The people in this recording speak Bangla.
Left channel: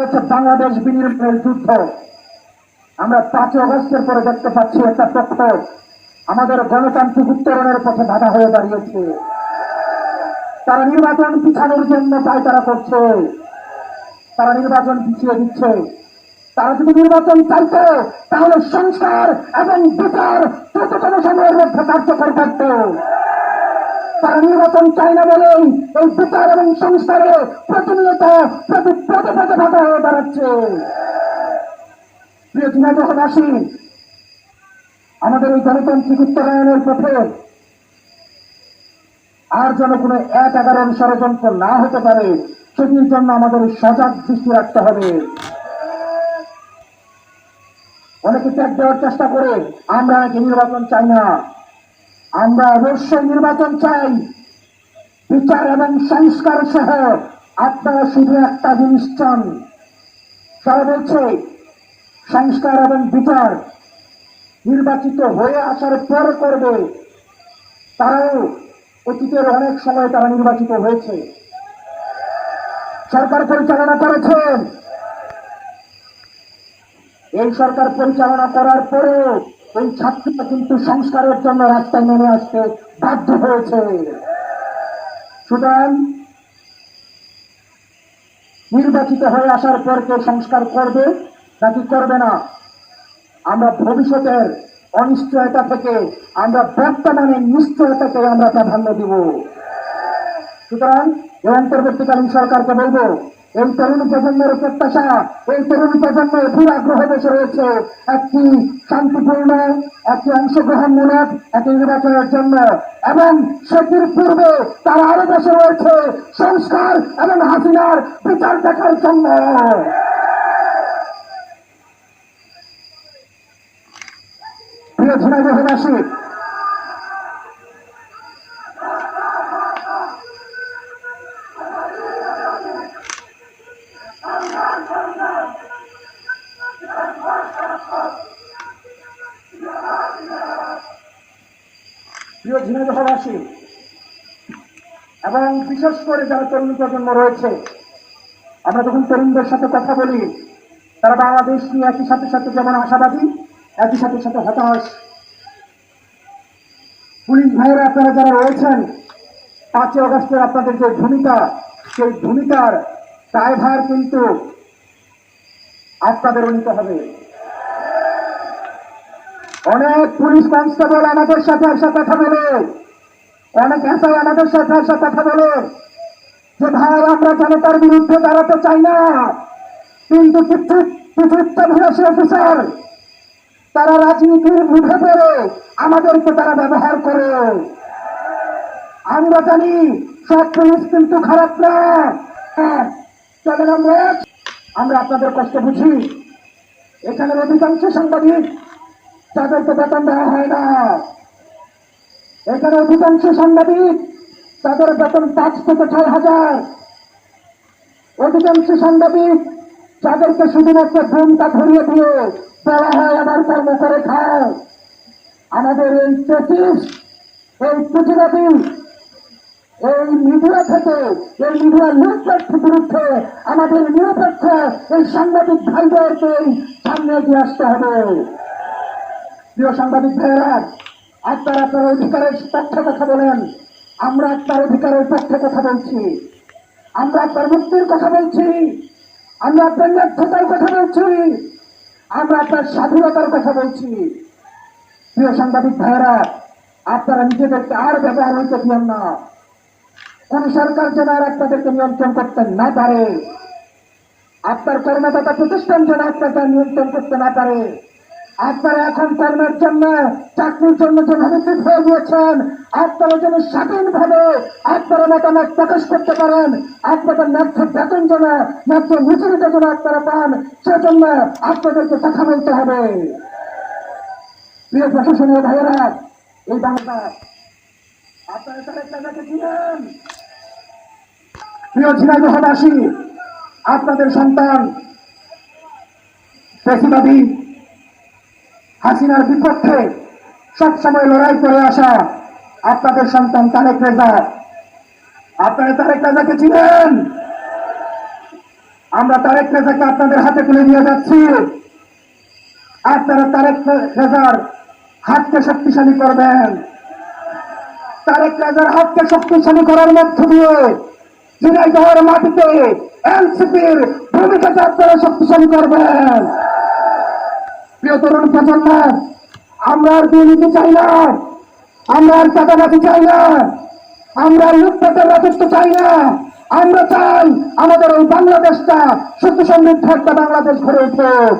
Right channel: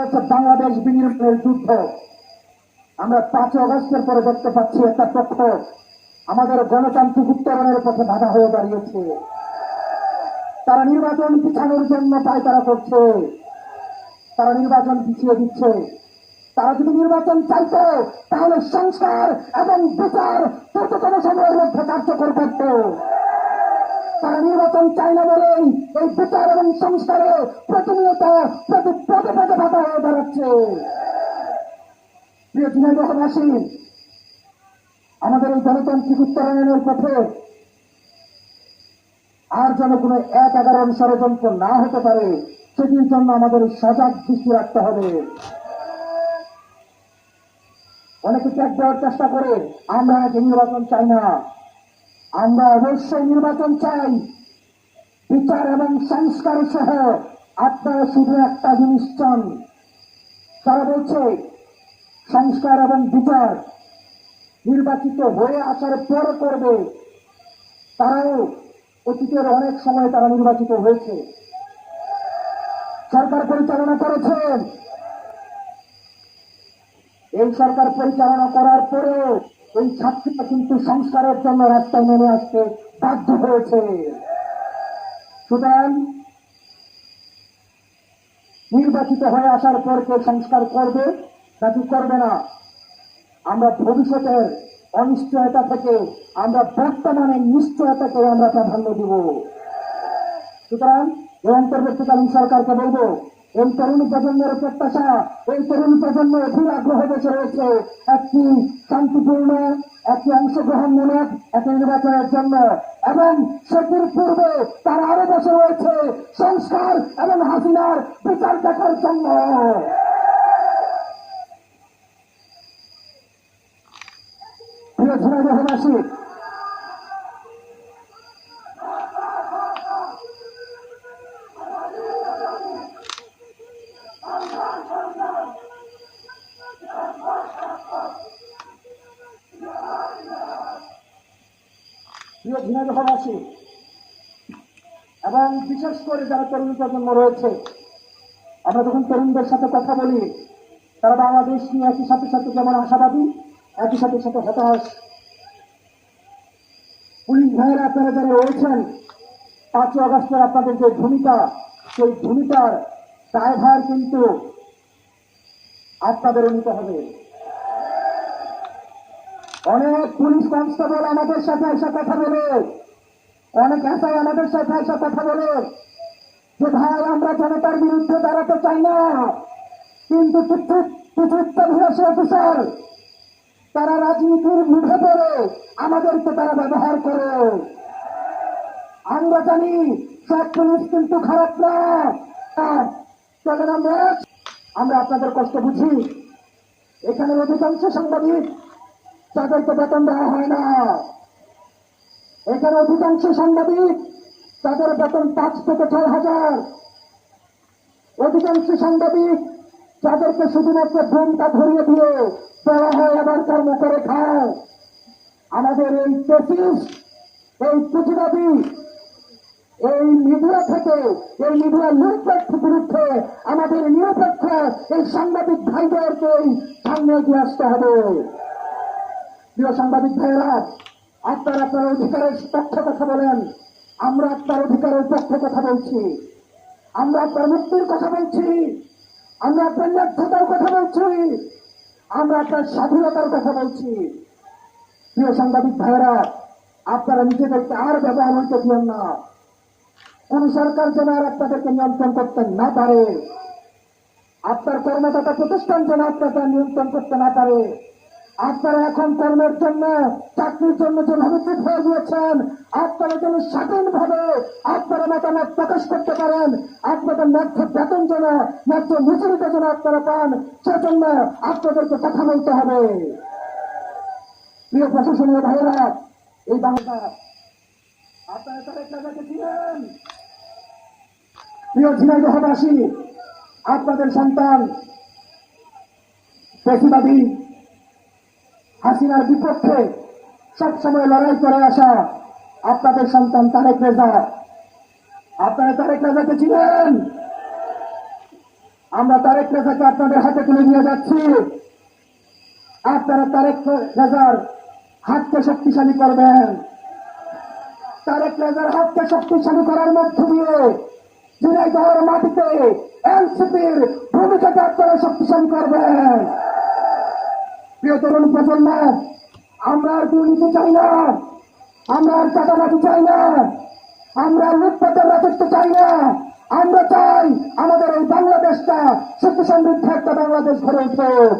হচ্ছে বাংলাদেশ বিনির্মাণের যুদ্ধ। আমরা পাঁচই অগস্টের পরে দেখতে পাচ্ছি একটা পক্ষ আমাদের গণতান্ত্রিক উত্তরণের পথে বাধা হয়ে দাঁড়িয়েছে। তারা নির্বাচন পিছানোর জন্য তাই তারা করছে। তারা নির্বাচন পিছিয়ে দিচ্ছে। তারা যদি নির্বাচন চাইতো, তাহলে সংস্কার এবং বিচার তততম সময়ের মধ্যে কার্যকর করত তারা নির্বাচন চায় না এই এবং প্রতিনিয়ত হয়ে দাঁড়াচ্ছে। প্রিয় আমাদের এই গণতান্ত্রিক উত্তরায়ণের পথে আর যেন কোনো এক এগারোর ষড়যন্ত্র না হতে পারে, সেটির জন্য আমাদের সজাগ দৃষ্টি রাখতে হবে। অনেকে ত্যাগ দেওয়ার চেষ্টা করে, আমরা নাকি নির্বাচন চাই না। আমরা অবশ্যই নির্বাচন চাই। বিচার এবং সংস্কার সহ আপনারা শুধু একটা জিনিস চান। তারা বলছে, সংস্কার এবং বিচার নির্বাচিত হয়ে আসার পর করবে। তারাও অতীতের অনেক সময় তারা নির্বাচিত হয়েছে। সরকার পরিচালনা করেছেন এই সরকার পরিচালনা করার পরেও এই ছাত্রীরা কিন্তু সংস্কারের জন্য রাস্তায় নেমে আসতে বাধ্য হয়েছে। সুতরাং নির্বাচিত হয়ে আসার পর কে সংস্কার করবে, নাকি করবে না? আমরা ভবিষ্যতের অনিশ্চয়তা থেকে, আমরা বর্তমানে নিশ্চয়তাকে আমরা প্রাধান্য দিব। সুতরাং এই অন্তর্বর্তীকালীন সরকারকে বলব এই তরুণ প্রজন্মের প্রত্যাশা, এই তরুণ প্রজন্মের অধীর আগ্রহ বসে রয়েছে। একটি শান্তিপূর্ণ, একটি অংশগ্রহণমূলক একটি নির্বাচনের জন্য। এবং সেটির পূর্বে তারা আরও বসে রয়েছে সংস্কার এবং হাসিনার বিচার দেখার জন্য। প্রিয় ঝিনাইদহবাসী ঝিনাইদহবাসী এবং বিশেষ করে যারা তরুণ প্রজন্ম রয়েছে, আমরা যখন তরুণদের সাথে কথা বলি, তারা বাংলাদেশ নিয়ে একই সাথে সাথে যেমন আশাবাদী, একই সাথে সাথে হতাশ। পুলিশ ভাইয়েরা, আপনারা যারা রয়েছেন, পাঁচই অগস্টের আপনাদের যে ভূমিকা, সেই ভূমিকার দায়ভার কিন্তু আপনাদেরও নিতে হবে। অনেক পুলিশ কনস্টেবল আমাদের সাথে এসে কথা বলে। অনেক এসআই আমাদের সাথে এসে কথা বলে। যে ভাই আমরা জনতার বিরুদ্ধে দাঁড়াতে চাই না? কিন্তু কিছু অফিসার তারা রাজনীতির মুখে পড়ে আমাদেরকে তারা ব্যবহার করে। আমরা জানি সব পুলিশ কিন্তু খারাপ না। হ্যাঁ, আমরা। আমরা আপনাদের কষ্ট বুঝি। এখানের অধিকাংশ সাংবাদিক তাদেরকে বেতন দেওয়া হয় না। এখানে অধিকাংশ সাংবাদিক তাদের বেতন পাঁচ থেকে ছয় হাজার। অধিকাংশ সাংবাদিক যাদেরকে শুধুমাত্র ঘুমটা ধরিয়ে দিয়ে দেওয়া হয়, আমার কর্ম করে খায় আমাদের এই চেসিস এই পুঁজিবাদী এই মিডিয়া থেকে, এই মিডিয়ার নিরপেক্ষ বিরুদ্ধে আমাদের নিরপেক্ষ এই সাংবাদিক ভাইদেরকে সামনে দিয়ে আসতে হবে। প্রিয় সাংবাদিক ভাইয়েরা আপনারা আপনার অধিকারের পক্ষে কথা বলেন। আমরা আপনার অধিকারের পক্ষে কথা বলছি। আমরা আপনার মুক্তির কথা বলছি। আমরা আপনার ন্যায্যতার কথা বলছি। আমরা আপনার স্বাধীনতার কথা বলছি। প্রিয় সাংবাদিক ভাইয়েরা, আপনারা নিজেদেরকে আর ব্যবহার হইতে দিয়েন না। কোন সরকার যেন আর আপনাদেরকে নিয়ন্ত্রণ করতে না পারে। আপনার কর্মদাতা প্রতিষ্ঠান যেন আপনাকে নিয়ন্ত্রণ করতে না পারে। আপনারা এখন কর্মের জন্য, চাকরির জন্য যেভাবে ঠিক হয়ে গিয়েছেন, আপনারা যেন স্বাধীনভাবে আপনারা মতামত প্রকাশ করতে পারেন, আপনাদের ন্যায্য বেতন যেন, ন্যায্য মজুরিটা যেন আপনারা পান, সেজন্য আপনাদেরকে কথা বলতে হবে। প্রিয় প্রশাসনীয় ভাইয়েরা, এই বাংলা আপনারা তারা চিনেন প্রিয় ঝিনাইদহবাসী আপনাদের সন্তান পেশিবাদী হাসিনার বিপক্ষে সবসময় লড়াই করে আসা আপনাদের সন্তান তারেক রেজা। আপনারা তারেক রাজাকে চিনেন? আমরা তারেক রেজাকে আপনাদের হাতে তুলে দিয়ে যাচ্ছি। আপনারা তারেক রেজার হাতকে শক্তিশালী করবেন। তারেক রেজার হাতকে শক্তিশালী করার মধ্য দিয়ে ঝিনাইদহের মাটিতে এনসিপির ভূমিকাকে আপনারা শক্তিশালী করবেন। প্রিয় তরুণ প্রজন্ম, আমরা আর দুর্নীতি চাই না। আমরা আর চাঁদাবাজি চাই না। আমরা লুটপাটের রাজত্ব চাই না। আমরা চাই আমাদের ওই বাংলাদেশটা সুখ সমৃদ্ধ একটা বাংলাদেশ গড়ে উঠুক।